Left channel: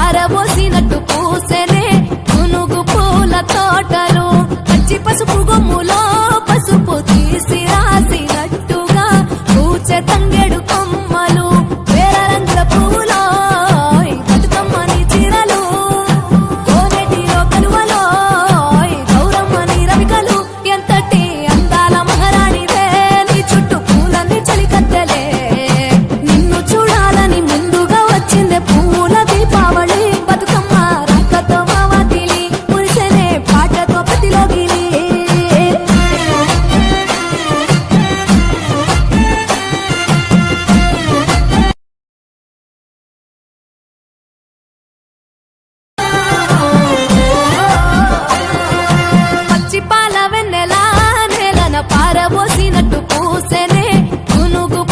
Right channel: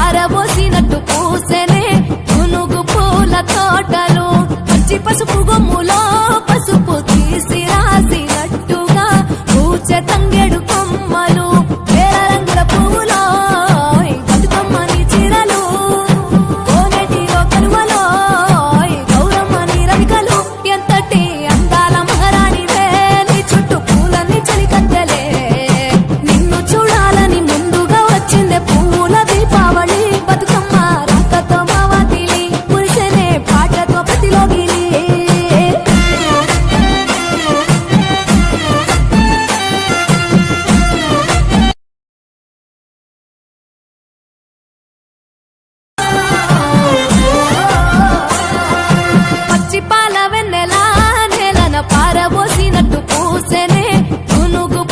పారబోసినట్టు పూసెనే గునుగు పూల తోటలు పచ్చి పసుపు గొమ్ములో పసుపు తీసి రాసినట్టుగా పూచె తంగెడు కొమ్మలు వేల రంగుల పువ్వులో బతుకమ్మని చీరలు కోనేటిలో కలువలో గౌరమ్మని రవికలు ఎంతటి అందాల మహారాణివే నీ చుట్టూ పూలన్నీ చలికత్తెలే నిన్ను చూడాలని ముందుగా వచ్చిందే పూల దీపావళి బతుకమ్మ రాకతో మావాతిలి మురిసెనే పాటతో ప్రతిలోగిలి పచ్చి పాల వెన్నెల నేలన పారబోసినట్టు పూసెనే గునుగు